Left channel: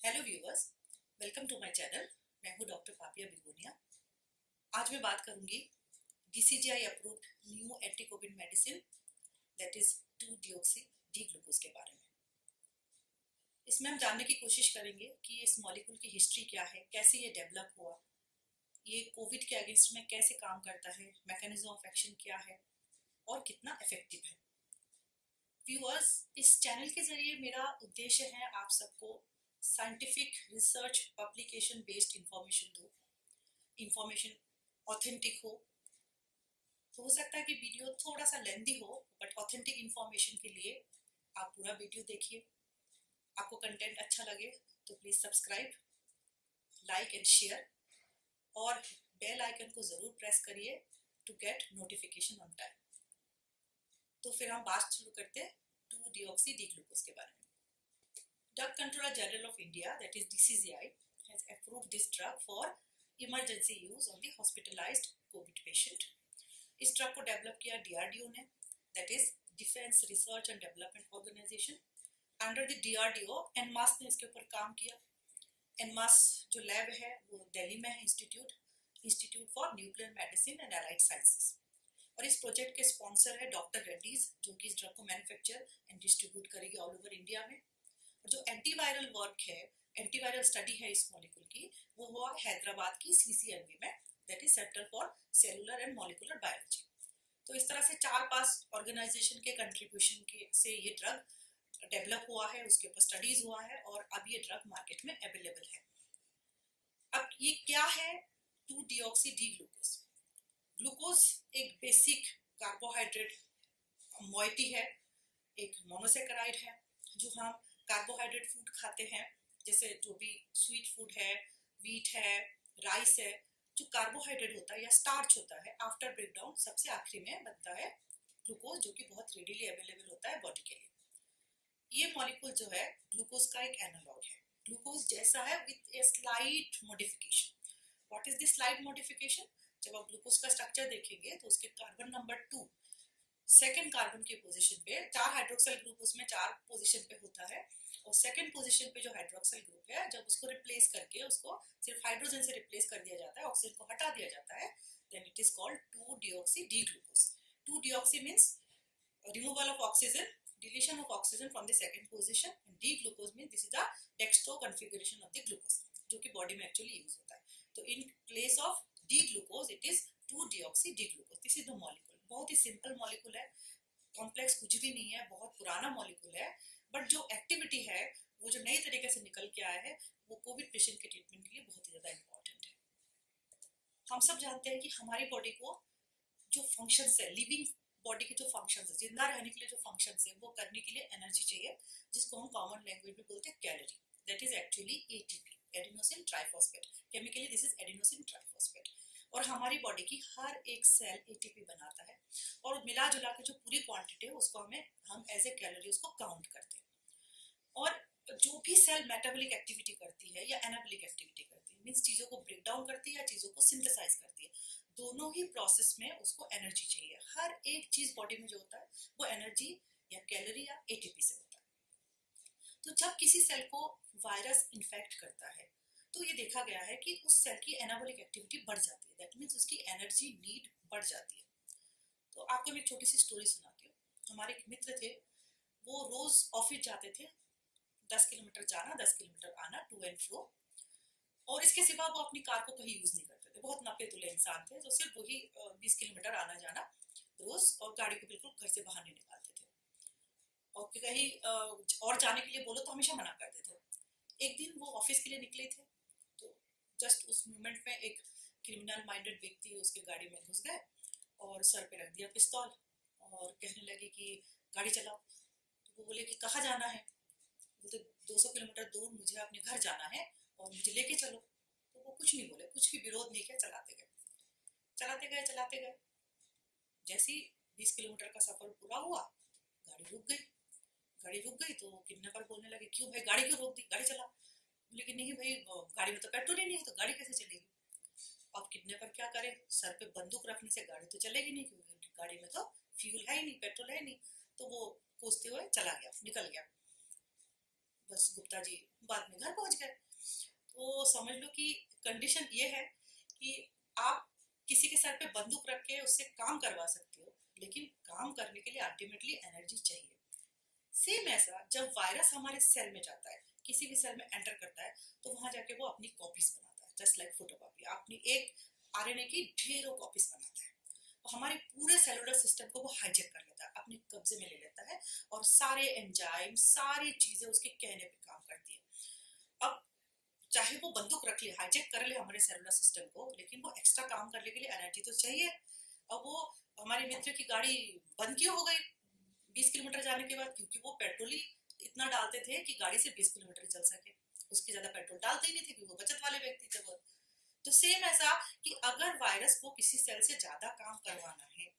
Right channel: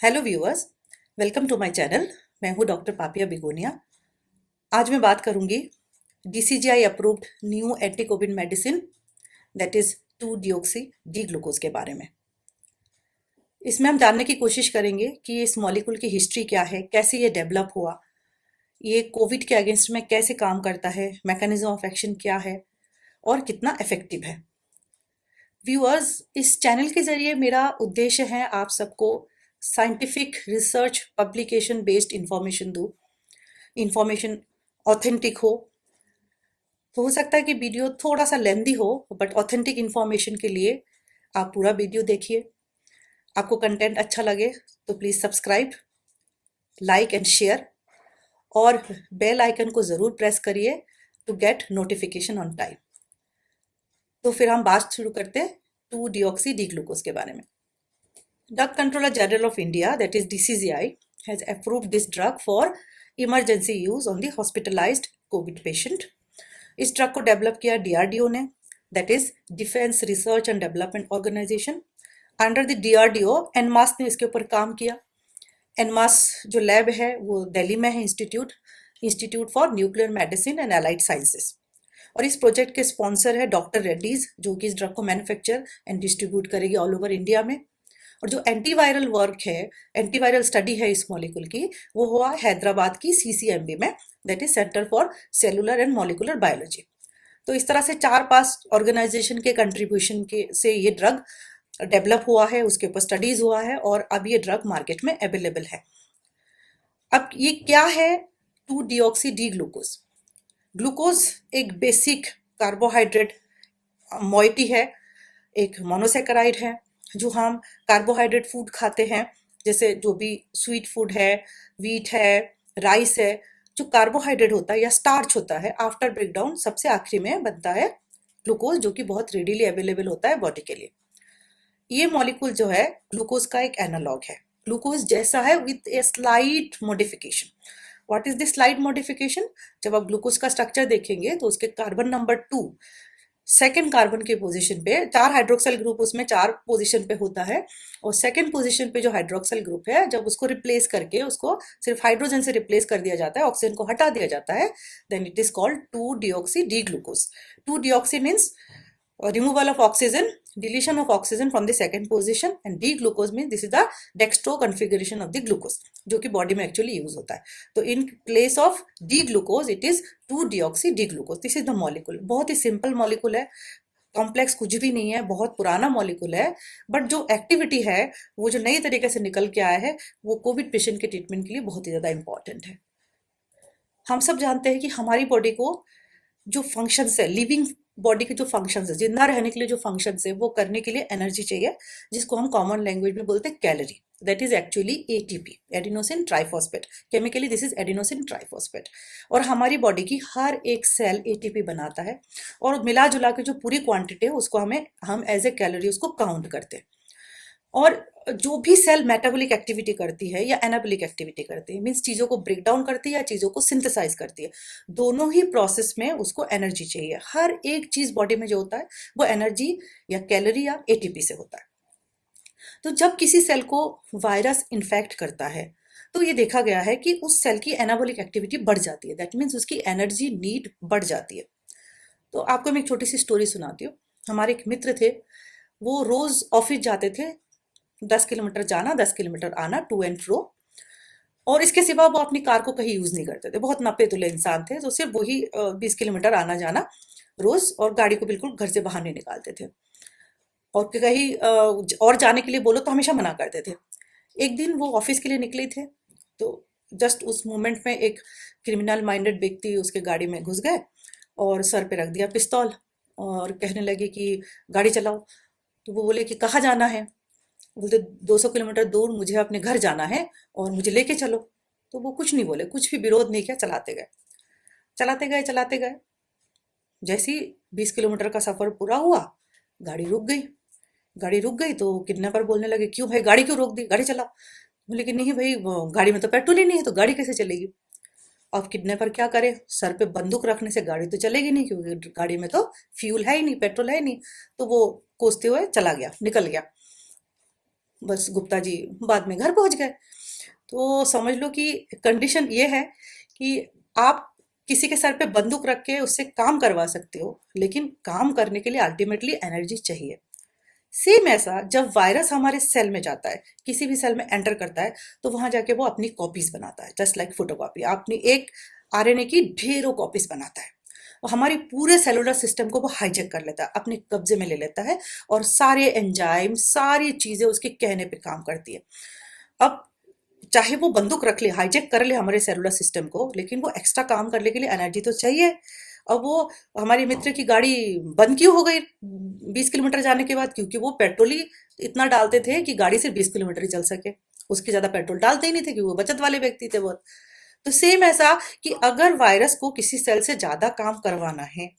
Hello viewers, welcome to my channel. मैं हूं doctor Papiya Bigonia. आज मैं बात करूंगी DCGI approved new anti covid medicine that is 2 deoxy D glucose के बारे में। इसमें हम जानने की कोशिश करेंगे कि इस मॉलिक्यूल की हिस्ट्री क्या है, कैसे ये डेवलप हुआ, ये कोविड के अगेंस्ट में कैसे काम करता है, मैकेनिज्म ऑफ एक्शन क्या है और कितना इफेक्टिव है। व्यूअर्स, इस चैनल के जरिए मेरा उद्देश्य है आप सबको scientific research publication based information दूँ, इंफॉर्मेशन ऑथेंटिक हो सकता है कि वीडियो थोड़ा सा लेंदी हो, बट ऑथेंटिक इंफॉर्मेशन के लिए आप पूरा वीडियो देखिए। आपको कंटेंट अच्छा लगे तो please subscribe, like and share और बेल आइकन को ज़रूर प्रेस करिए to get notification on time. तो फिर हम बात शुरू करते हैं 2 डिओक्सी डी ग्लूकोज के बारे में। Drug Controller General of India, that is DCGI, has approved this drug for emergency use on the hospitalized COVID patient. इस ड्रग को डेवलप किया डीआरडीओ ने, that is defence research and development organisation. Under the DRDO INMAS ने इसके ऊपर काम किया। En masse जो लैब है वो दिल्ली में है, institute for nuclear medicine and allied sciences. और इस प्रोजेक्ट के स्पॉन्सर है डॉक्टर रेड्डीज, जो कि इस ड्रग को मैन्युफैक्चर एंड डिस्ट्रीब्यूट करेगी ऑल ओवर इंडिया में। और जो एंटीवायरल वर्क है, एंटीवायरल स्टडी है इस मॉलिक्यूल की, वो हुआ हैदराबाद की सीसीएमबी में, that is centre for cellular and molecular biology. तो इस तरह से 4-5 ऑर्गेनाइजेशन के कंट्रीब्यूशन के से ये ड्रग डेवलप हुआ है, उसके ऊपर स्टडीज हुआ है और अब ये ड्रग मार्केट में अवेलेबल है। अब ये क्या है 2 डिओक्सी डी ग्लूकोज? ग्लूकोज एक बेसिक कार्बोहाइड्रेट मॉइटी है, एक मोनोसेकेराइड है। जो हम कार्बोहाइड्रेट फूड खाते हैं, जैसे जो भी स्वीट फूड है, वीट है, राइस है, जो कार्बोहाइड्रेट होता है या स्टार्च होता है, आफ्टर ब्रेकडाउन सबसे आखिरी में बनता है ग्लूकोज, जो कि बहुत रेडीली अवेलेबल होता है बॉडी के लिए। ये मॉलिक्यूल जो है ग्लूकोज का एक एनालॉग है, ग्लूकोज जैसा है with a slight modification. What is this slide modification? जब आप ग्लूकोज का स्ट्रक्चर देखेंगे तो उसके कार्बन नंबर 2 सेकेंड कार्बन के पोजीशन पे, 4 हाइड्रोक्सल ग्रुप उसमें 4 पोजीशन पे होता है, और सेकेंड पोजीशन पे जो हाइड्रोक्सल ग्रुप है, जब उसको रिप्लेस करके उसको सिर्फ हाइड्रोजन से रिप्लेस कर दिया जाता है, ऑक्सीजन को हटा दिया जाता है, then it is called 2 deoxy D glucose. 2 deoxy means removal of oxygen, deletion of oxygen from the second position, and D-glucose means this is the dextro configuration of the glucose, जो कि body में actually use होता है। तो in place of D glucose it is 2 deoxy D glucose. This is the molecule. बहुत ही simple molecule है, complex कुछ भी नहीं है, बहुत पुराना मॉलिक्यूल है, बट जो एक्टिविटी है, वो जो नई तरीके से निकल के आया है, वो कोविड पेशेंट के ट्रीटमेंट के लिए बहुत ही ज़्यादा इंपॉर्टेंट है। हम सब जानते हैं कि हमारी बॉडी को जो फंक्शंस है, लिविंग बॉडी के जो फंक्शंस है, जिंदा रहने के लिए जो फंक्शंस है, वो करने के लिए एनर्जी चाहिए, जिसको हम कॉमन लैंग्वेज में बोलते हैं calorie. That is actually ATP, adenosine triphosphate. Chemically this is adenosine triphosphate. और हमारी बॉडी की हर एक सेल एटीपी बनाता है, और मिला जुला के जो पूरी क्वांटिटी है उसको हम एज ए कैलोरी उसको काउंट करते हैं। और जो भी सेल मेटाबॉलिक एक्टिविटी करती है या एनाबॉलिक एक्टिविटी करती है, मीन्स चीज़ों को ब्रेक डाउन करती है या चीज़ों को सिंथेसाइज करती है, दोनों ही प्रोसेस में उसको एनर्जी चाहिए। हर एक चीज़ बॉडी में जो होता है वो एनर्जी या कैलोरी या एटीपी से होता है। तो जब किसी सेल को वायरस इन्फेक्ट करता है, तो ये देखा गया है कि उस सेल की एनाबॉलिक एक्टिविटी बढ़ जाती है, दैट मीन्स उसकी एनर्जी नीड बढ़ जाती है। तो आपको मैं एक छोटी सी स्टोरी सुनाती हूँ। हमारे एक मित्र थे, वो रोज ऑफिस जाते थे, 10 किलोमीटर जाना, 10 किलोमीटर आना, टू एंड फ्रो। और इसके सिवा वो अपनी कार को कहीं यूज नहीं करते थे, बहुत नपे तुले इंसान थे, तो सिर्फ वही 20 किलोमीटर आना जाना रोज, और गाड़ी को बिल्कुल घर से बाहर नहीं निकालते थे। और कहीं और जाने के लिए बोलो तो हमेशा मना करते थे। एक दिन वो ऑफिस के लिए निकले थे, तो जस्ट उस मोमेंट में एक क्रिमिनल माइंडेड व्यक्ति उसके गाड़ी में घुस गए और सर पे रख दिया पिस्तौल, और कहने लगे कि गाड़ी चलाओ। तो वो बोले कि कहाँ जाना है? बोलते 200 किलोमीटर दूर मुझे अपने घर जाना है और मुझे लेके चलो। तो वो कुछ नहीं बोले, कुछ भी विरोध नहीं किया, चलाते गए चलाते गए चलाते गए। जैसे ही 20 किलोमीटर का सफर पूरा हुआ, गाड़ी रुक गई। गाड़ी रुक गई तो किडनैपर बोलने लगे, क्यों भाई गाड़ी क्यों रोक दी, गाड़ी चलाओ। बोले कि नहीं भाई, वो गाड़ी में तो पेट्रोल ही नहीं है, तो गाड़ी कैसे चलेगी? अब किडनैपर क्या करे, सर पे बंदूक रखने से गाड़ी तो चलेगी नहीं, क्योंकि गाड़ी में तो फ्यूल है ही नहीं, पेट्रोल है ही नहीं। तो वो कोसते हुए चला गया, निकल गया। बस गुप्ता जी बाद में घर पहुंच गए। तो समझ लो कि कंडीशन ये है कि आप किसी के सर पे बंदूक रख के उससे काम करवा सकते हो, लेकिन काम करने के लिए अल्टीमेटली एनर्जी चाहिए। सेम ऐसा जब वायरस हमारे सेल में जाता है, किसी भी सेल में एंटर करता है, तो वहां जाके वो अपनी कॉपीज बनाता है, जस्ट लाइक फोटोकॉपी। अपनी एक आरएनए की ढेरों कॉपीज बनाता है और हमारी पूरे सेलुलर सिस्टम को वो हाईजेक कर लेता है, अपने कब्जे में ले लेता है, और सारे एंजाइम सारी चीजें उसके कहने पे काम करती है। अब चाहे वो बंदूक रख ले, हाईजेक कर ले हमारे सेलुलर सिस्टम को, लेकिन वो एक्स्ट्रा काम करने के लिए एनर्जी तो चाहिए। अब वो हमारे मित्र की गाड़ी बंद क्यों हो गई 20 किलोमीटर जाने के बाद? क्योंकि वो पेट्रोल ही इतना डालते थे कि गाड़ी सिर्फ 20 किलोमीटर ही चल सके, उसकी ज्यादा पेट्रोल डालते ही नहीं थे, क्योंकि वो बचत वाले व्यक्ति थे बहुत। तो सेम ऐसा कि अगर वायरस को किसी सेल से ज्यादा काम करवाना है,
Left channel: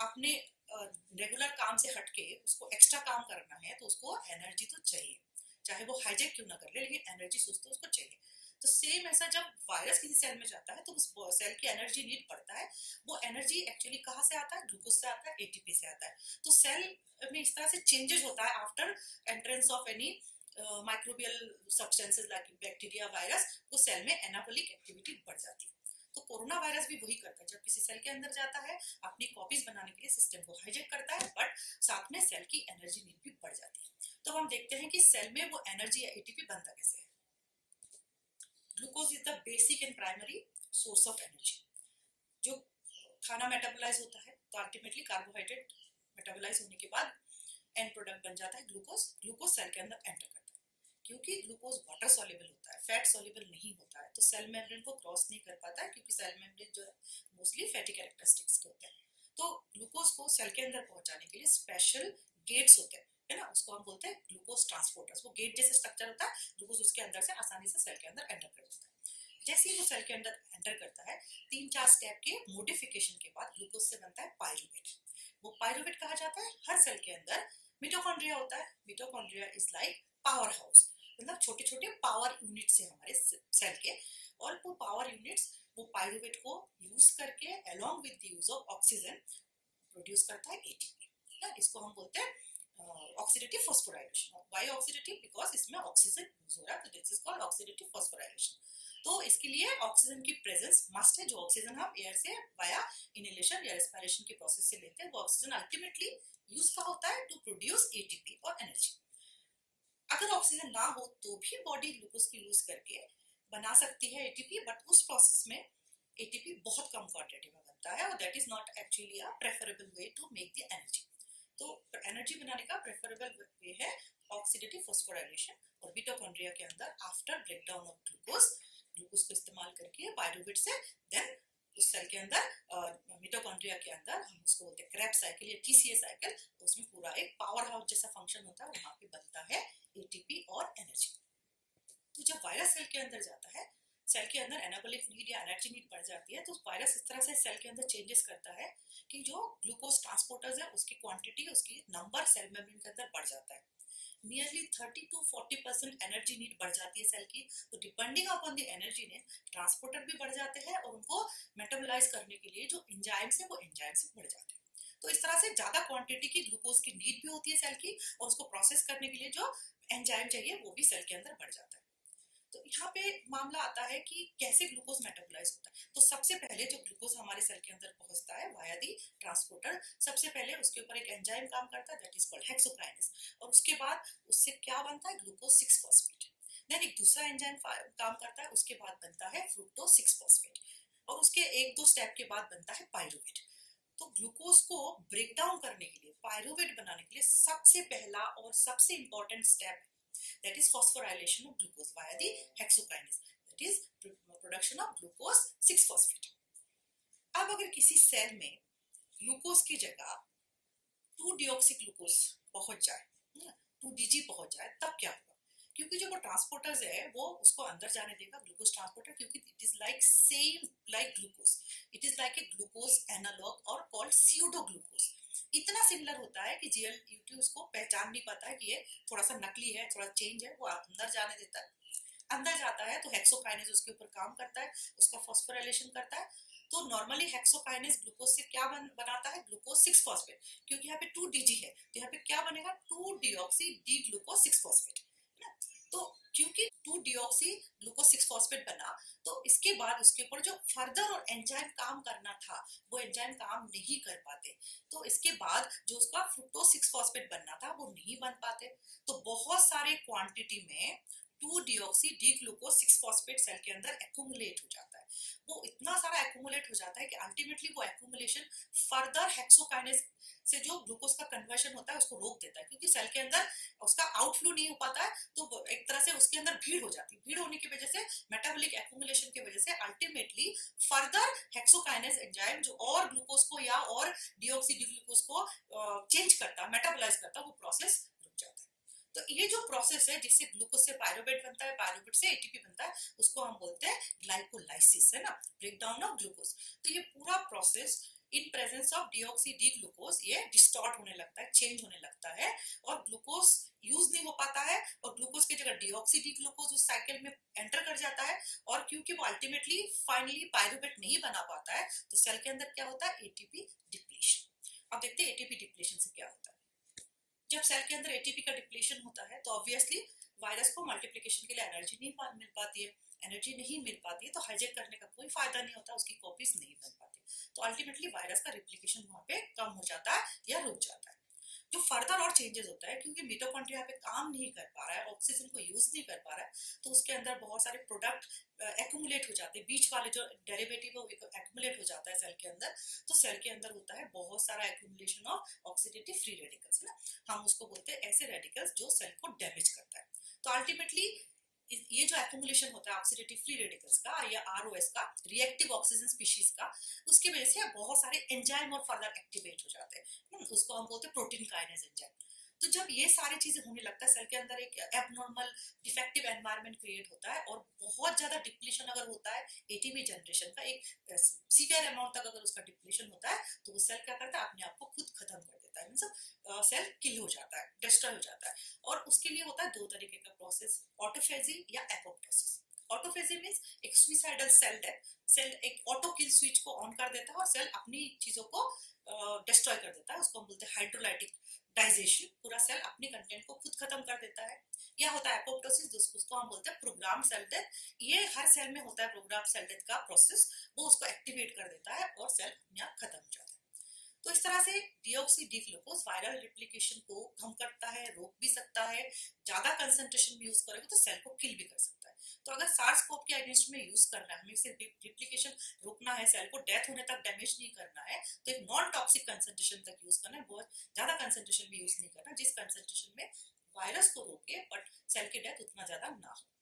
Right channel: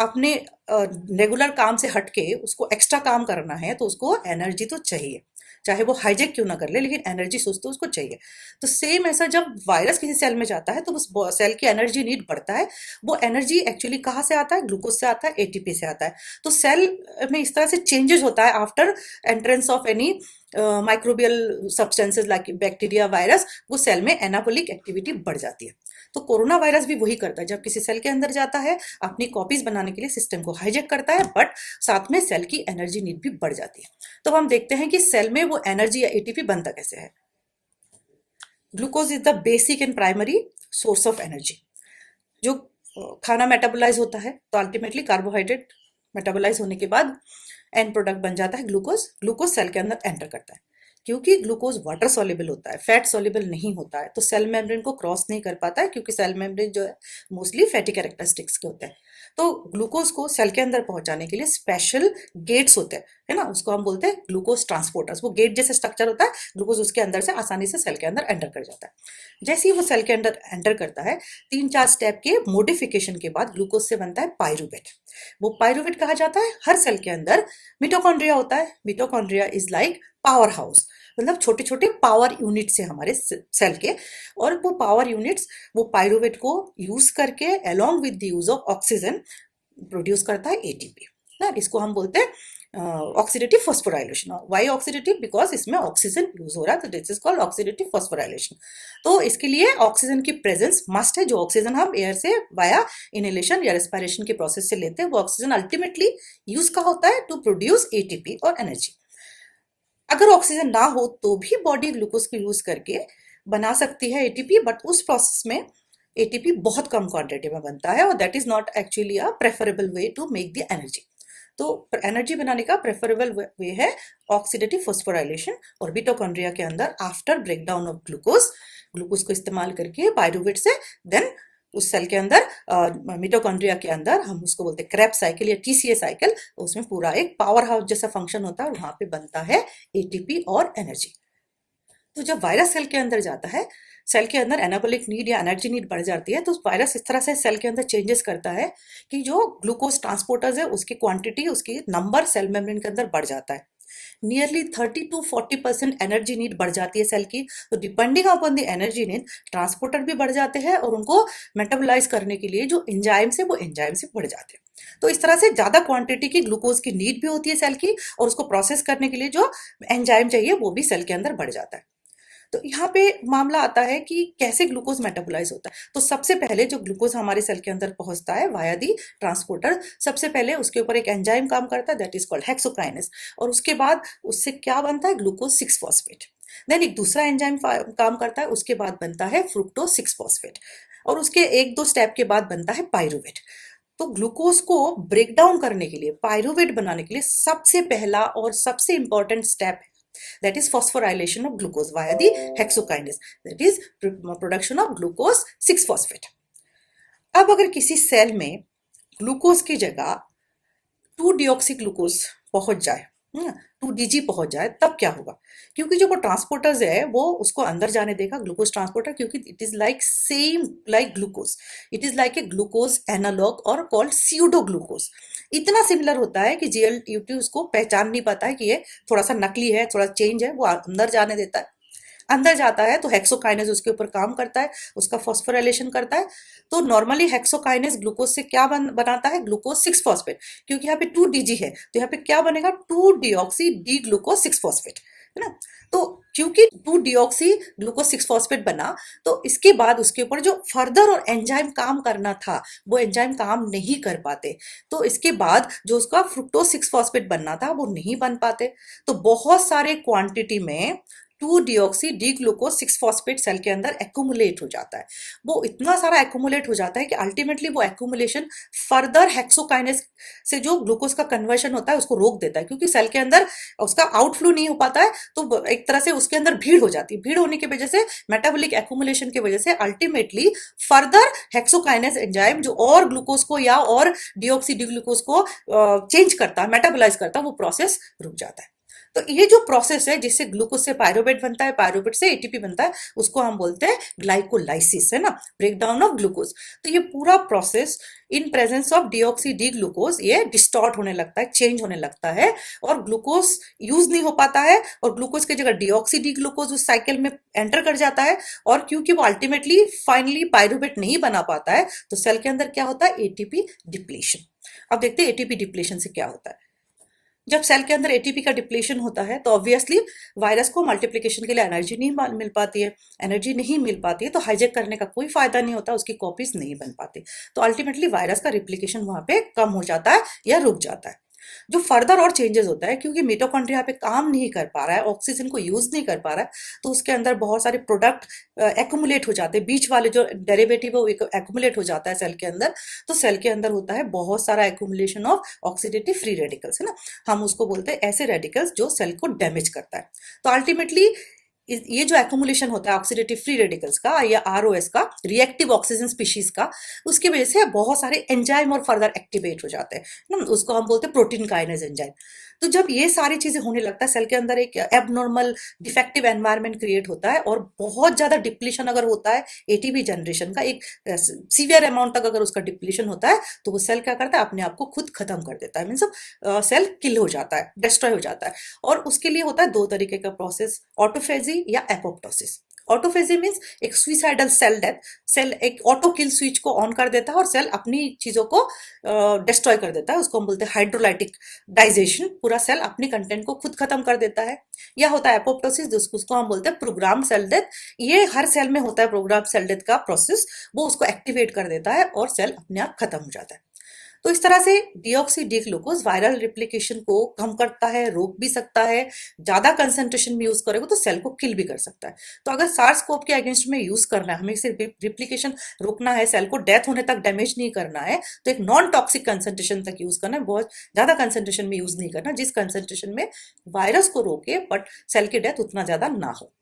अपने रेगुलर काम से हटके उसको एक्स्ट्रा काम करना है, तो उसको एनर्जी तो चाहिए, चाहे वो हाईजेक क्यों ना कर ले, लेकिन एनर्जी सोच तो उसको चाहिए। तो सेम ऐसा जब वायरस किसी सेल में जाता है तो उस सेल की एनर्जी नीड बढ़ता है। वो एनर्जी एक्चुअली कहाँ से आता है? ग्लूकोज से आता है, एटीपी से आता है। तो सेल में इस तरह से चेंजेस होता है after entrance of any microbial substances like bacteria, virus, वो सेल में एनाबॉलिक एक्टिविटी बढ़ जाती है। तो कोरोना वायरस भी वही करता है, जब किसी सेल के अंदर जाता है अपनी कॉपीज बनाने के लिए सिस्टम को हाईजेक करता है, बट साथ में सेल की एनर्जी नीड भी बढ़ जाती है। तो हम देखते हैं कि सेल में वो एनर्जी या एटीपी बनता कैसे है। Glucose is the basic and primary source of energy. जो खाना मेटाबोलाइज होता है तो अल्टीमेटली कार्बोहाइड्रेट मेटाबोलाइज होने के बाद एंड प्रोडक्ट बन जाता है ग्लूकोज। ग्लूकोज सेल के अंदर एंटर करता है। क्योंकि ग्लूकोज वाटर सॉल्युबल होता है, फैट सॉल्युबल नहीं होता है, तो सेल मेम्ब्रेन को क्रॉस नहीं कर पाता है, क्योंकि सेल मेम्ब्रेन जो है मोस्टली फैटी कैरेक्टरिस्टिक्स के होते हैं। तो ग्लूकोज को सेल के अंदर पहुंचाने के लिए स्पेशल गेट्स होते हैं, है ना, उसको हम बोलते हैं ग्लूकोज ट्रांसपोर्टर्स। वो गेट जैसे स्ट्रक्चर होता है, ग्लूकोज उसके अंदर से आसानी से सेल के अंदर एंटर कर जाता है। जैसे ही वो सेल के अंदर एंटर करता है, 3-4 स्टेप के मोडिफिकेशन के बाद ग्लूकोज से बनता है पायरूवेट। वो पायरूवेट कहा जाता है हर सेल के अंदर मिटोकॉन्ड्रिया होता है। Mitochondria is like power house, मतलब छोटे छोटे पावर यूनिट्स है हमारे सेल के। और वो पावर यूनिट्स वो पायरूवेट को यूज करके along with the use of oxygen produce करता है एटीपी ना। इसको हम बोलते हैं oxidative phosphorylation. Why oxidative? Because इसमें ऑक्सीजन यूज हो रहा है, तो this is called oxidative phosphorylation. तो इसके लिए ऑक्सीजन की प्रेजेंस मस्ट है। जो ऑक्सीजन हम एयर से वाया इनहेलेशन या रेस्पिरेशन के प्रोसेस से लेते हैं, वो ऑक्सीजन अल्टीमेटली यूज का होता है टू प्रोड्यूस एटीपी और एनर्जी। अगर ऑक्सीजन ना हो तो भी बॉडी ग्लूकोज को यूज करके बना सकती है एटीपी, बट उस प्रोसेस में एटीपी बहुत कम क्वांटिटी में बनता है, और that is not actually a preferable way to make the energy. तो एनर्जी बनाने का प्रेफरेबल वे है ऑक्सीडेटिव फॉस्फोराइलेशन। और मिटोकॉन्ड्रिया के अंदर after breakdown of glucose, glucose को इस्तेमाल करके पायरूवेट से देन उस सेल के अंदर मिटोकॉन्ड्रिया के अंदर हम उसको बोलते हैं क्रेब्स साइकिल या टीसीए साइकिल। उसमें पूरा एक पावर हाउस जैसा फंक्शन होता है और वहां पे बनता है एटीपी और एनर्जी। तो जब वायरस सेल के अंदर जाता है, सेल के अंदर एनाबॉलिक नीड या एनर्जी नीड बढ़ जाती है, तो वायरस इस तरह से सेल के अंदर चेंजेस करता है कि जो ग्लूकोज ट्रांसपोर्टर्स है उसकी क्वांटिटी, उसकी नंबर सेल मेम्ब्रेन के अंदर बढ़ जाता है। नियरली 30 to 40% एनर्जी नीड बढ़ जाती है सेल की। तो depending upon the energy need, transporter भी बढ़ जाते हैं और उनको मेटाबोलाइज करने के लिए जो एंजाइम्स है वो एंजाइम से बढ़ जाते हैं। तो इस तरह से ज्यादा क्वांटिटी की ग्लूकोज की नीड भी होती है सेल की, और उसको प्रोसेस करने के लिए जो एंजाइम चाहिए वो भी सेल के अंदर बढ़ जाता है। तो यहाँ पे मामला आता है कि कैसे ग्लूकोज मेटाबोलाइज होता है। तो सबसे पहले जो ग्लूकोज हमारे सेल के अंदर पहुंचता है वाया दी ट्रांसपोर्टर, सबसे पहले उसके ऊपर एक एंजाइम काम करता है, दैट इज कॉल्ड हेक्सोकाइनेस। और उसके बाद उससे क्या बनता है? Glucose 6 phosphate. देन एक दूसरा एंजाइम काम करता है, उसके बाद बनता है फ्रुक्टोज 6 फॉस्फेट। और उसके 1-2 स्टेप के बाद बनता है पायरूवेट। तो ग्लूकोज को ब्रेक डाउन करने के लिए, पायरूवेट बनाने के लिए सबसे पहला और सबसे important step, that is phosphorylation of glucose via the hexokinase, that is production of glucose 6 phosphate। अब अगर किसी सेल में ग्लूकोज की जगह 2 डिऑक्सी ग्लूकोज पहुंच जाए, 2 डीजी पहुंच जाए, तब क्या होगा? क्योंकि जो वो ट्रांसपोर्टर्स है वो उसको अंदर जाने देगा, ग्लूकोज ट्रांसपोर्टर, क्योंकि it is like same like glucose, it is like a glucose analog और कॉल्ड स्यूडो ग्लूकोज। इतना सिमिलर होता है कि जीएलटी उसको पहचान नहीं पाता है कि ये थोड़ा सा नकली है, थोड़ा चेंज है, वो अंदर जाने देता है। अंदर जाता है तो हेक्सोकाइनेज उसके ऊपर काम करता है, उसका फॉस्फोराइलेशन करता है। तो नॉर्मली हेक्सोकाइनेज ग्लूकोज से क्या बनाता है? Glucose 6 phosphate. क्योंकि यहाँ पे 2 डीजी है, तो यहाँ पे क्या बनेगा? 2 डिऑक्सी डी ग्लूकोज 6 फॉस्फेट। है ना। तो क्योंकि 2 डिऑक्सी ग्लूकोज 6 फॉस्फेट बना, तो इसके बाद उसके ऊपर जो फर्दर और एंजाइम काम करना था वो एंजाइम काम नहीं कर पाते, तो इसके बाद जो उसका फ्रुक्टोज 6 फॉस्फेट बनना था वो नहीं बन पाते। तो बहुत सारे क्वांटिटी में 2 deoxy D glucose 6 phosphate cell के अंदर एक्यूमुलेट हो जाता है। वो इतना सारा एक्यूमुलेट हो जाता है कि अल्टीमेटली वो एक्यूमुलेशन फर्दर हेक्सोकाइनेस से जो ग्लूकोज का कन्वर्शन होता है उसको रोक देता है, क्योंकि सेल के अंदर उसका आउटफ्लो नहीं हो पाता है, तो एक तरह से उसके अंदर भीड़ हो जाती है। भीड़ होने की वजह से, मेटाबॉलिक एक्यूमुलेशन की वजह से अल्टीमेटली फर्दर हेक्सोकाइनेस एंजाइम जो और ग्लूकोज को या और डिऑक्सी डी ग्लूकोज को चेंज करता है, मेटाबोलाइज करता है, वो प्रोसेस रुक जाता है। तो ये जो प्रोसेस है जिससे ग्लूकोज से पायरुवेट बनता है, पायरुवेट से एटीपी बनता है, उसको हम बोलते हैं ग्लाइकोलाइसिस, है ना, ब्रेक डाउन ऑफ ग्लूकोज। तो ये पूरा process in presence of deoxy D glucose ये डिस्टॉर्ट होने लगता है, चेंज होने लगता है, और ग्लूकोज यूज नहीं हो पाता है, और ग्लूकोज की जगह डिऑक्सी डी ग्लूकोज उस साइकिल में एंटर कर जाता है, और क्योंकि वो अल्टीमेटली फाइनली पायरुवेट नहीं बना पाता है, तो सेल के अंदर क्या होता है, एटीपी डिप्लीशन। अब देखते हैं एटीपी डिप्लीशन से क्या होता है। जब सेल के अंदर एटीपी का डिप्लीशन होता है तो ऑब्वियसली वायरस को मल्टीप्लिकेशन के लिए एनर्जी नहीं मिल पाती है, एनर्जी नहीं मिल पाती है, तो हाईजैक करने का कोई फायदा नहीं होता, उसकी कॉपीज नहीं बन पाती, तो अल्टीमेटली वायरस का रिप्लिकेशन वहां पे कम हो जाता है या रुक जाता है। जो फर्दर और चेंजेस होता है, क्योंकि मिटोकॉन्ड्रिया पे काम नहीं कर पा रहा है, ऑक्सीजन को यूज नहीं कर पा रहा है, तो उसके अंदर बहुत सारे प्रोडक्ट एक्यूमुलेट हो जाते हैं, बीच वाले जो डेरिवेटिव है वो एक्यूमुलेट हो जाता है सेल के अंदर। तो सेल के अंदर होता है बहुत सारा accumulation of oxidative free radicals, है ना, हम उसको बोलते हैं ऐसे रेडिकल्स जो सेल को डैमेज करता है। तो अल्टीमेटली ये जो एक्यूमुलेशन होता है ऑक्सीडेटिव फ्री रेडिकल्स का या आरओएस का, रिएक्टिव ऑक्सीजन स्पीशीज का, उसकी वजह से बहुत सारे एंजाइम और फर्दर एक्टिवेट हो जाते हैं ना, उसको हम बोलते हैं प्रोटीन काइनेज एंजाइम। तो जब ये सारी चीजें होने लगता है, सेल के अंदर एक एबनॉर्मल डिफेक्टिव एनवायरनमेंट क्रिएट होता है, और बहुत ज्यादा डिप्लीशन अगर होता है एटीपी जनरेशन का, एक सीवियर अमाउंट तक अगर उसका डिप्लीशन होता है, तो वो सेल क्या करता है, अपने आप को खुद खत्म कर देता है, मीन्स सेल किल हो जाता है, डिस्ट्रॉय हो जाता है। और उसके लिए होता है 2 तरीके का प्रोसेस, ऑटोफेजी या एपोप्टोसिस। ऑटोफेजी मीन्स एक सुइसाइडल सेल डेथ, सेल एक ऑटो किल स्विच को ऑन कर देता है और सेल अपनी चीजों को डिस्ट्रॉय कर देता है, उसको हम बोलते हैं हाइड्रोलाइटिक डाइजेशन, पूरा सेल अपने कंटेंट को खुद खत्म कर देता है। या होता है एपोप्टोसिस, जिसको हम बोलते हैं प्रोग्राम सेल डेथ, ये हर सेल में होता है प्रोग्राम सेल डेथ का प्रोसेस, वो उसको एक्टिवेट कर देता है और सेल अपने आप खत्म हो जाता है। तो इस तरह से deoxy D glucose viral replication को कम करता है, रोक भी सकता है, ज्यादा कंसंट्रेशन में यूज करेगा तो सेल को किल भी कर सकता है। तो अगर सार्स कोव के अगेंस्ट में यूज करना है, हमें सिर्फ रिप्लिकेशन रोकना है, सेल को डेथ होने तक डैमेज नहीं करना है, तो एक नॉन टॉक्सिक कंसंट्रेशन तक यूज करना है, बहुत ज्यादा कंसंट्रेशन में यूज नहीं करना, जिस कंसंट्रेशन में वायरस को रोके बट सेल की डेथ उतना ज्यादा ना हो।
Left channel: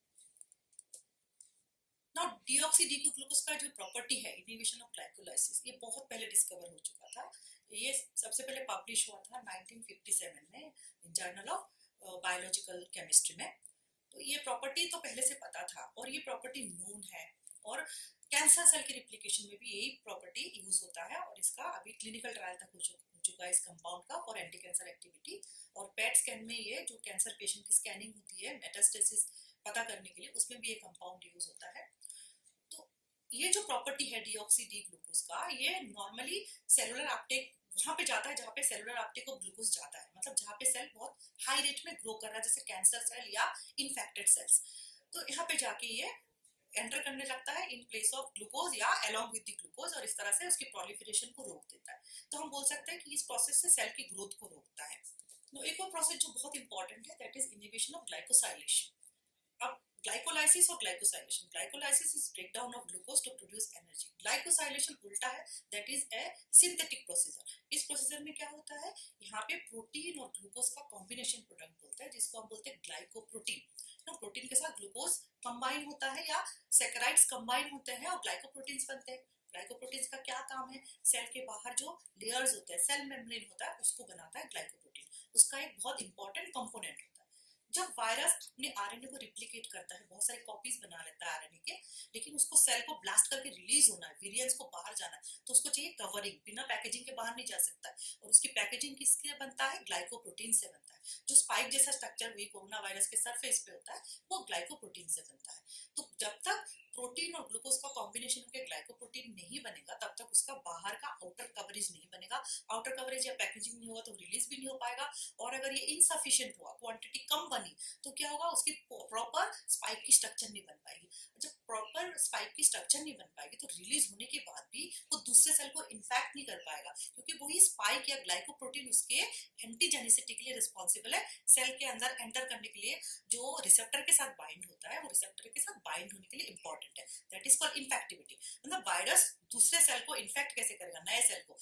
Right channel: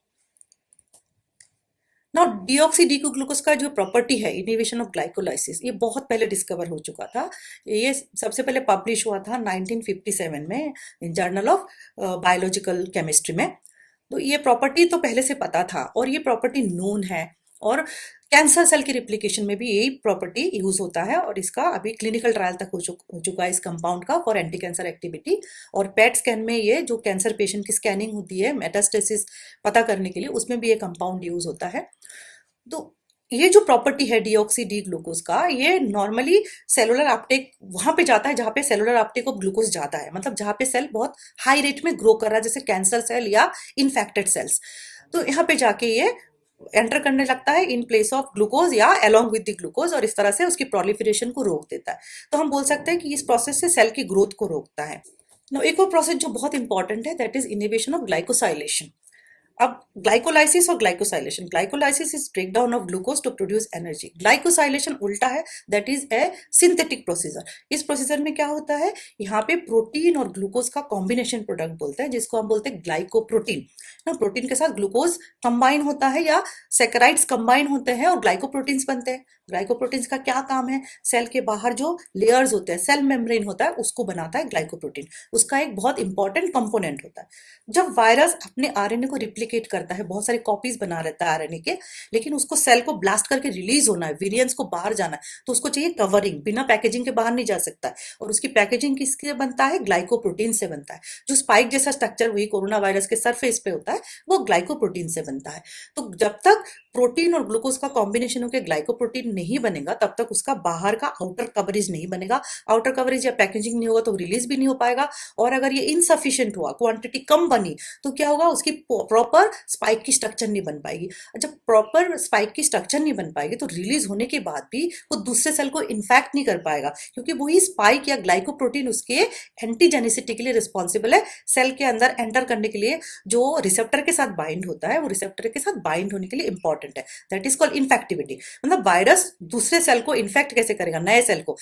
ना डिऑक्सी डी ग्लूकोज का जो प्रॉपर्टी है इनिबिशन ऑफ ग्लाइकोलाइसिस, ये बहुत पहले डिस्कवर हो चुका था। ये सबसे पहले पब्लिश हुआ था 1957 में इन जर्नल ऑफ बायोलॉजिकल केमिस्ट्री में। तो ये प्रॉपर्टी तो पहले से पता था और ये प्रॉपर्टी नोन है, और कैंसर सेल की रिप्लिकेशन में भी यही प्रॉपर्टी यूज होता है, और इसका अभी क्लिनिकल ट्रायल तक हो चुका है इस कंपाउंड का फॉर एंटी कैंसर एक्टिविटी। और पेट स्कैन में ये जो कैंसर पेशेंट की स्कैनिंग होती है मेटास्टेसिस पता करने के लिए, उसमें भी ये कंपाउंड यूज होता है। तो ये जो प्रॉपर्टी है डिऑक्सी डी ग्लूकोज का, ये नॉर्मली सेलुलर अपटेक वहां पे जाता है जहां पे सेलुलर अपटेक ऑफ ग्लूकोज जाता है, मतलब जहां पे सेल बहुत हाई रेट में ग्रो कर रहा है, जैसे कैंसर सेल या इन्फेक्टेड सेल्स। तो यहाँ पे जाके ये एंटर करने लगता है इन प्लेस ऑफ ग्लूकोज या अलोंग विद द ग्लूकोज, और इस तरह से उसकी प्रोलिफरेशन को रोक देता है। तो हम बोल सकते हैं कि इस प्रोसेस से सेल की ग्रोथ को रोकता है। नो एक और प्रोसेस जो बहुत इंपॉर्टेंट है, that is inhibition of glycosylation. अब ग्लाइकोलाइसिस और glycosylation, glycolysis is breakdown of glucose to produce energy, glycosylation उल्टा है, that is a synthetic procedure. इस प्रोसीजर में क्या होता है, यहाँ पे प्रोटीन और ग्लूकोज का कॉम्बिनेशन प्रोडक्ट बोलते हैं, जिसको हम बोलते हैं ग्लाइकोप्रोटीन ना, प्रोटीन के साथ ग्लूकोज कंबाइन होता है या सेकेराइड्स कंबाइन होते हैं और ग्लाइकोप्रोटीन्स बनते हैं। ग्लाइकोप्रोटीन्स का क्या काम है, सेल के बाहर जो लेयर्स होते हैं, सेल मेम्ब्रेन होता है, उसको बनाता है ग्लाइकोप्रोटीन, उसका एक बहुत इंपॉर्टेंट कंपोनेंट होता है। जब वायरस अपने आरएनए को रिप्लिकेट करता है, बहुत सारी कॉपीज बना रहता है आरएनए के, लेकिन उसको सेल को ब्लास्ट करके रिलीज होना है, वेरिएंट्स को बाहर जाना है, तो उसको चाहिए कवरिंग, बिना पैकेजिंग के बाहर नहीं जा सकता है, और उसकी पैकेजिंग किससे बनता है, ग्लाइकोप्रोटीन से बनता है। जो स्पाइक जैसा स्ट्रक्चर वही कोरोना वायरस के सरफेस पे होता है, वो ग्लाइकोप्रोटीन से बनता है। तो जब तक प्रोटीन और ग्लूकोज का कॉम्बिनेशन होकर ग्लाइकोप्रोटीन नहीं बनेगा तब तक उसका बाहर का आउटर कवरेज नहीं बनेगा, आउटर कवरेज या पैकेजिंग नहीं होगा तो रिलीज भी नहीं हो पाएगा। और अगर ये इनसफिशिएंट हुआ, क्वांटिटी कम बनी, तो क्या होगा, उसकी प्रॉपर स्पाइक की स्ट्रक्चर नहीं बन पाएगी। जब प्रॉपर स्पाइक की स्ट्रक्चर नहीं बन पाएगी तो रिलीज होने के बाद भी वो दूसरे सेल को इन्फेक्ट नहीं कर पाएगा, क्योंकि वही स्पाइक या ग्लाइकोप्रोटीन उसके एंटीजेनिसिटी के लिए रिस्पॉन्सिबल है। सेल के अंदर एंटर करने के लिए जो रिसेप्टर के साथ बाइंड होता है, वो रिसेप्टर के साथ बाइंड होने के लिए इंपॉर्टेंट है। That is called infectivity. मतलब वायरस दूसरे सेल को इन्फेक्ट कैसे करेगा, नए सेल को,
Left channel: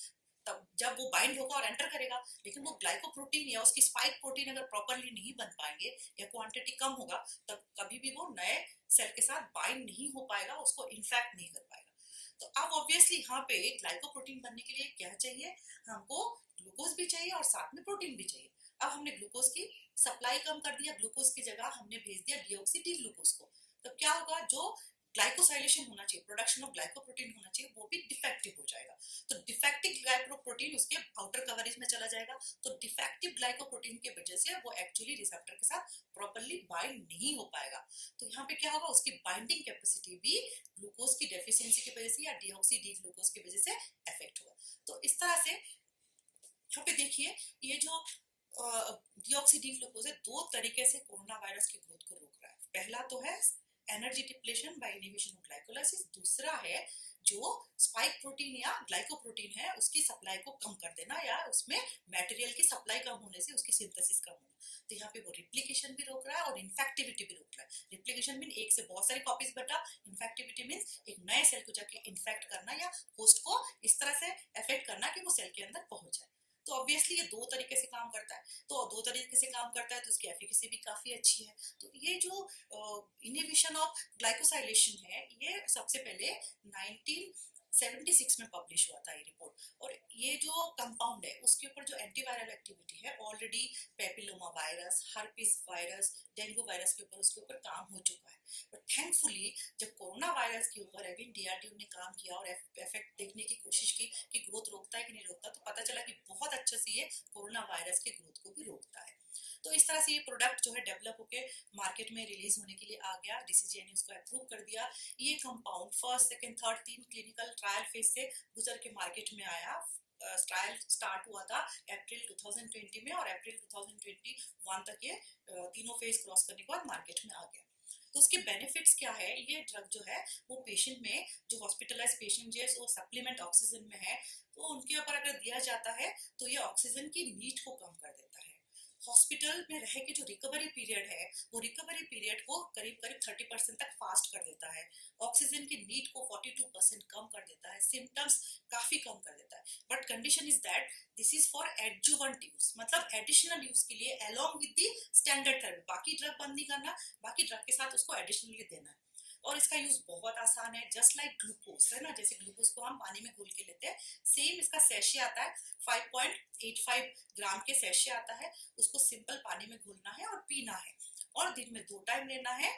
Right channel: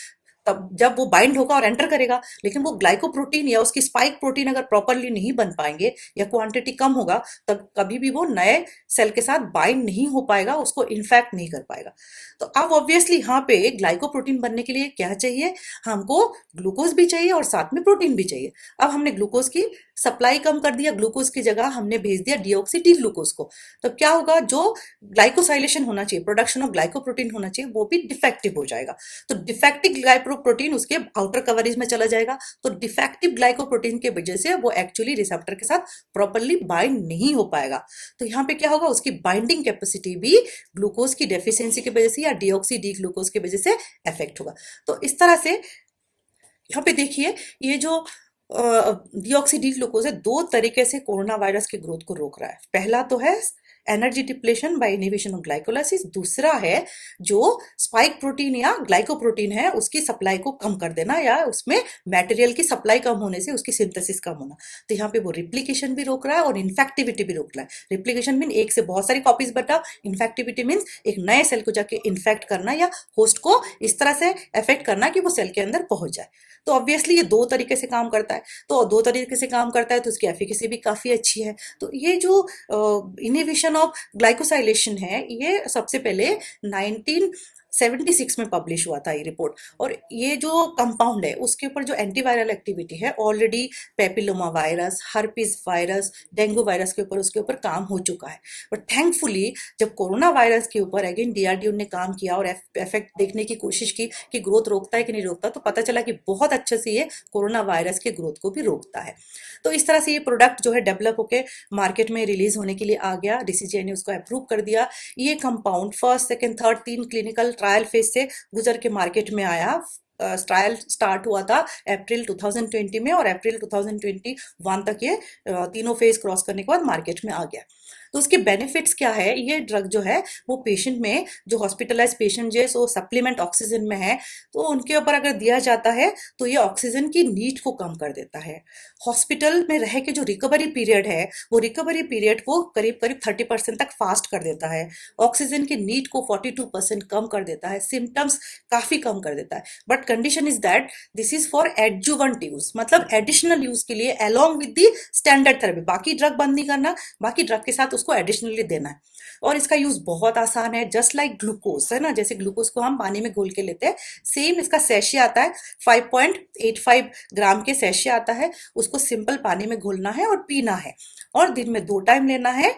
तब जब वो बाइंड होगा और एंटर करेगा। लेकिन वो ग्लाइकोप्रोटीन या उसकी स्पाइक प्रोटीन अगर प्रॉपरली नहीं बन पाएंगे या क्वांटिटी कम होगा, तब कभी भी वो नए सेल के साथ बाइंड नहीं हो पाएगा, उसको इन्फेक्ट नहीं कर पाएगा। तो अब ऑब्वियसली यहाँ पे ग्लाइकोप्रोटीन बनने के लिए क्या चाहिए, हमको ग्लूकोज भी चाहिए और साथ में प्रोटीन भी चाहिए। अब हमने ग्लूकोज की सप्लाई कम कर दिया, ग्लूकोज की जगह हमने भेज दिया डीऑक्सी डी ग्लूकोज को। तो क्या होगा, जो ग्लाइकोसाइलेशन होना चाहिए, प्रोडक्शन ऑफ ग्लाइकोप्रोटीन होना चाहिए, वो भी डिफेक्टिव हो जाएगा। तो डिफेक्टिव ग्लाइकोप्रोटीन उसके आउटर कवरेज में चला जाएगा। तो डिफेक्टिव ग्लाइकोप्रोटीन के वजह से वो एक्चुअली रिसेप्टर के साथ प्रॉपरली बाइंड नहीं हो पाएगा। तो यहाँ पे क्या होगा, उसकी बाइंडिंग कैपेसिटी भी ग्लूकोज की डेफिशिएंसी की वजह से या डीऑक्सी डी ग्लूकोज की वजह से इफेक्ट होगा। तो इस तरह से यहाँ पे देखिए, ये जो डीऑक्सी डी ग्लूकोज है, दो तरीके से कोरोना वायरस के ग्रोथ को रोक रहा है। पहला तो है energy depletion by inhibition of glycolysis, दूसरा है जो स्पाइक प्रोटीन या ग्लाइकोप्रोटीन है उसकी सप्लाई को कम कर देना, या उसमें मटेरियल की सप्लाई कम होने से उसकी सिंथेसिस कम होना। तो यहाँ पे वो रिप्लिकेशन भी रोक रहा है और इन्फेक्टिविटी भी रोक रहा है। रिप्लिकेशन मीन एक से बहुत सारी कॉपीज बटा, इन्फेक्टिविटी मीन्स एक नए सेल को जाके इन्फेक्ट करना या होस्ट को इस तरह से इफेक्ट करना कि वो सेल के अंदर पहुंच जाए। तो ऑब्वियसली ये दो तरीके से काम करता है। तो दो तरीके से काम करता है तो उसकी एफिकेसी भी काफी अच्छी है। तो ये जो इनहिबिशन ऑफ ग्लाइकोसाइलेशन है, ये सबसे पहले 1976 में पब्लिश हुआ था ये रिपोर्ट। और ये जो कंपाउंड है उसके ऊपर जो एंटीवायरल एक्टिविटी है, already papilloma virus, herpes virus, dengue virus के ऊपर उसके ऊपर काम हो चुका है। बट थैंकफुली जब कोरोना वायरस के ऊपर अगेन डीआरडीओ ने काम किया और इफेक्ट देखने की कोशिश की कि ग्रोथ रोकता है कि नहीं रोकता, तो पता चला कि बहुत अच्छे से ये कोरोना वायरस के ग्रोथ को भी रोकता है। तो इस तरह से ये प्रोडक्ट जो है डेवलप होकर मार्केट में रिलीज होने के लिए आ गया। डीसीजीआई ने उसको अप्रूव कर दिया। ये compound first, second, third, 3 clinical trial phase से गुजर के मार्केट में आया। ट्रायल स्टार्ट हुआ था अप्रैल 2020 में और अप्रैल 2021 तक ये तीनों फेज क्रॉस करने के बाद मार्केट में आ गया। तो उसके बेनिफिट्स क्या है, ये ड्रग जो है वो पेशेंट में, जो हॉस्पिटलाइज पेशेंट जो वो सप्लीमेंट ऑक्सीजन में है, तो उनके ऊपर अगर दिया जाता है तो ये ऑक्सीजन की नीड को कम कर देता है। हॉस्पिटल में रह के जो रिकवरी पीरियड है, वो रिकवरी पीरियड को करीब करीब 30% तक फास्ट कर देता है। ऑक्सीजन की नीड को 42% कम कर देता है। सिम्टम्स काफी कम कर देता है। But condition is that this is for adjuvant use, मतलब एडिशनल यूज के लिए along with the standard therapy. बाकी ड्रग बंद नहीं करना, बाकी ड्रग के साथ उसको एडिशनली देना है। और इसका यूज बहुत आसान है, जस्ट लाइक ग्लूकोज है ना, जैसे ग्लूकोज को हम पानी में घोल के लेते हैं, सेम इसका सैशे आता है, 5.85 ग्राम के सैशे आता है। उसको सिंपल पानी में घोलना है और पीना है, और दिन में 2 टाइम लेना है,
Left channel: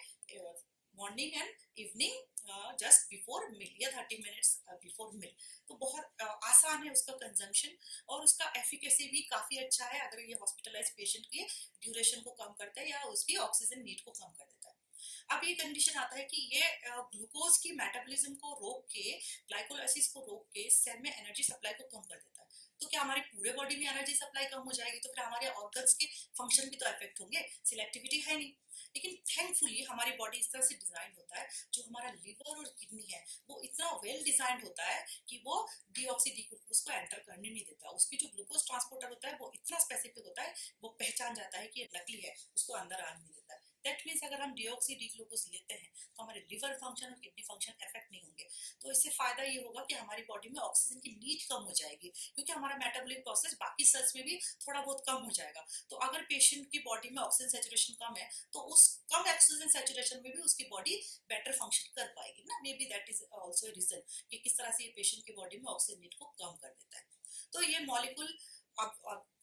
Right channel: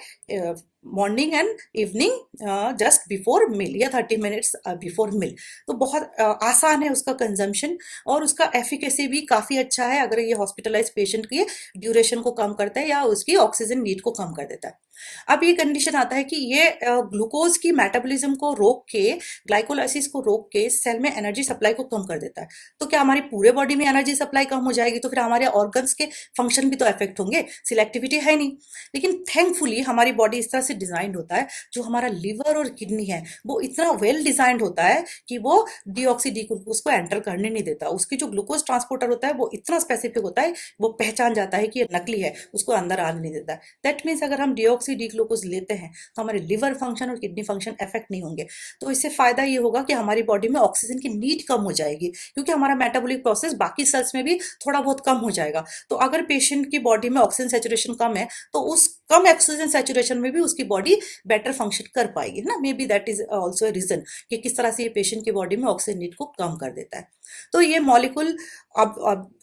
morning and evening, just before meal या 30 मिनट्स बिफोर मिल। तो बहुत आसान है उसका कंजम्पशन, और उसका एफिकेसी भी काफ़ी अच्छा है। अगर ये हॉस्पिटलाइज पेशेंट की ड्यूरेशन को कम करता है या उसकी ऑक्सीजन नीड को कम कर देता है। अब ये कंडीशन आता है कि ये ग्लूकोज की मेटाबॉलिज्म को रोक के, ग्लाइकोलाइसिस को रोक के सेल में एनर्जी सप्लाई को कम कर देता है। तो क्या हमारी पूरे बॉडी में एनर्जी सप्लाई कम हो जाएगी, तो फिर हमारे ऑर्गन्स के फंक्शन भी तो इफेक्ट होंगे, सिलेक्टिविटी है नहीं। लेकिन थैंकफुली हमारी बॉडी इस तरह से डिजाइंड होता है, जो हमारा लिवर और किडनी है वो इतना वेल डिजाइंड होता है कि वो डीऑक्सी डी ग्लूकोज को एंटर करने नहीं देता। उसकी जो ग्लूकोज ट्रांसपोर्टर होता है वो इतना स्पेसिफिक होता है, वो पहचान जाता है कि ये नकली है, उसको अंदर आने नहीं देता। दैट मीन्स अगर हम डीऑक्सी डी ग्लूकोज लेते हैं तो हमारे लिवर फंक्शन और किडनी फंक्शन इफेक्ट नहीं होंगे। तो इससे फायदा ये होगा कि हमारी बॉडी में ऑक्सीजन की नीड कम हो जाएगी, क्योंकि हमारा मेटाबॉलिक प्रोसेस बाकी सेल्स में भी थोड़ा बहुत कम हो जाएगा। तो अगर पेशेंट की बॉडी में ऑक्सीजन सैचुरेशन कम है, तो उस कम ऑक्सीजन सैचुरेशन में भी उसकी बॉडी बेटर फंक्शन कर पाएगी ना। Maybe that is also a reason कि किस तरह से ये पेशेंट की बॉडी में ऑक्सीजन नीड को कम कर देता है। तो ये मॉलिक्यूल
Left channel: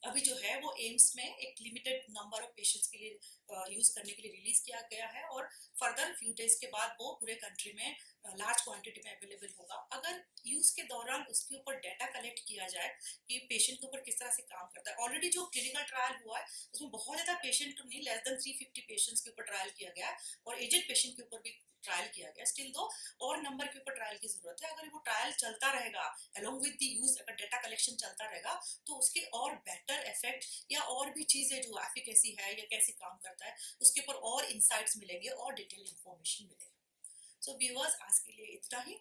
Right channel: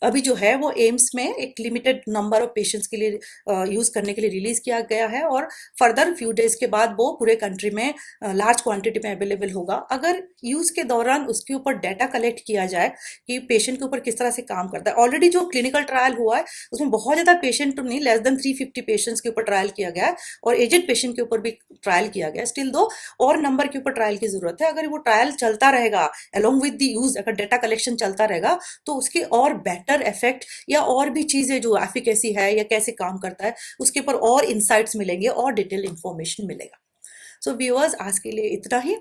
अभी जो है वो एम्स में एक लिमिटेड नंबर ऑफ पेशेंट्स के लिए यूज करने के लिए रिलीज किया गया है, और फर्दर फ्यू डेज के बाद वो पूरे कंट्री में लार्ज क्वांटिटी में अवेलेबल होगा। अगर यूज के दौरान उसके ऊपर डाटा कलेक्ट किया जाए कि पेशेंट के ऊपर किस तरह से काम करता है। ऑलरेडी जो क्लिनिकल ट्रायल हुआ है उसमें बहुत ज्यादा पेशेंट नहीं, लेस देन 350 पेशेंट्स के ऊपर ट्रायल किया गया है, और एजेड पेशेंट वैक्सीन के ऊपर भी ट्रायल किया गया, स्टिल दो और नंबर के ऊपर ट्रायल की जरूरत है। अगर वो ट्रायल चलता रहेगा अलोंग विद द यूज, अगर डेटा कलेक्शन चलता रहेगा तो उसके और बेटर इफेक्ट या और भी चीजें जो एफिकेसी है या कैसे काम करता है उसके ऊपर और इंसाइट्स मिलेंगे और डिटेल इंफॉर्मेशन मिलेगा। सो व्यूअर्स, आज के लिए इतना ही।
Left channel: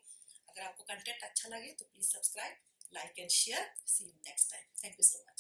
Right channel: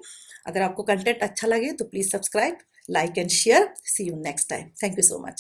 अगर आपको कंटेंट अच्छा लगे तो please subscribe, like and share. See you next time. Thank you so much.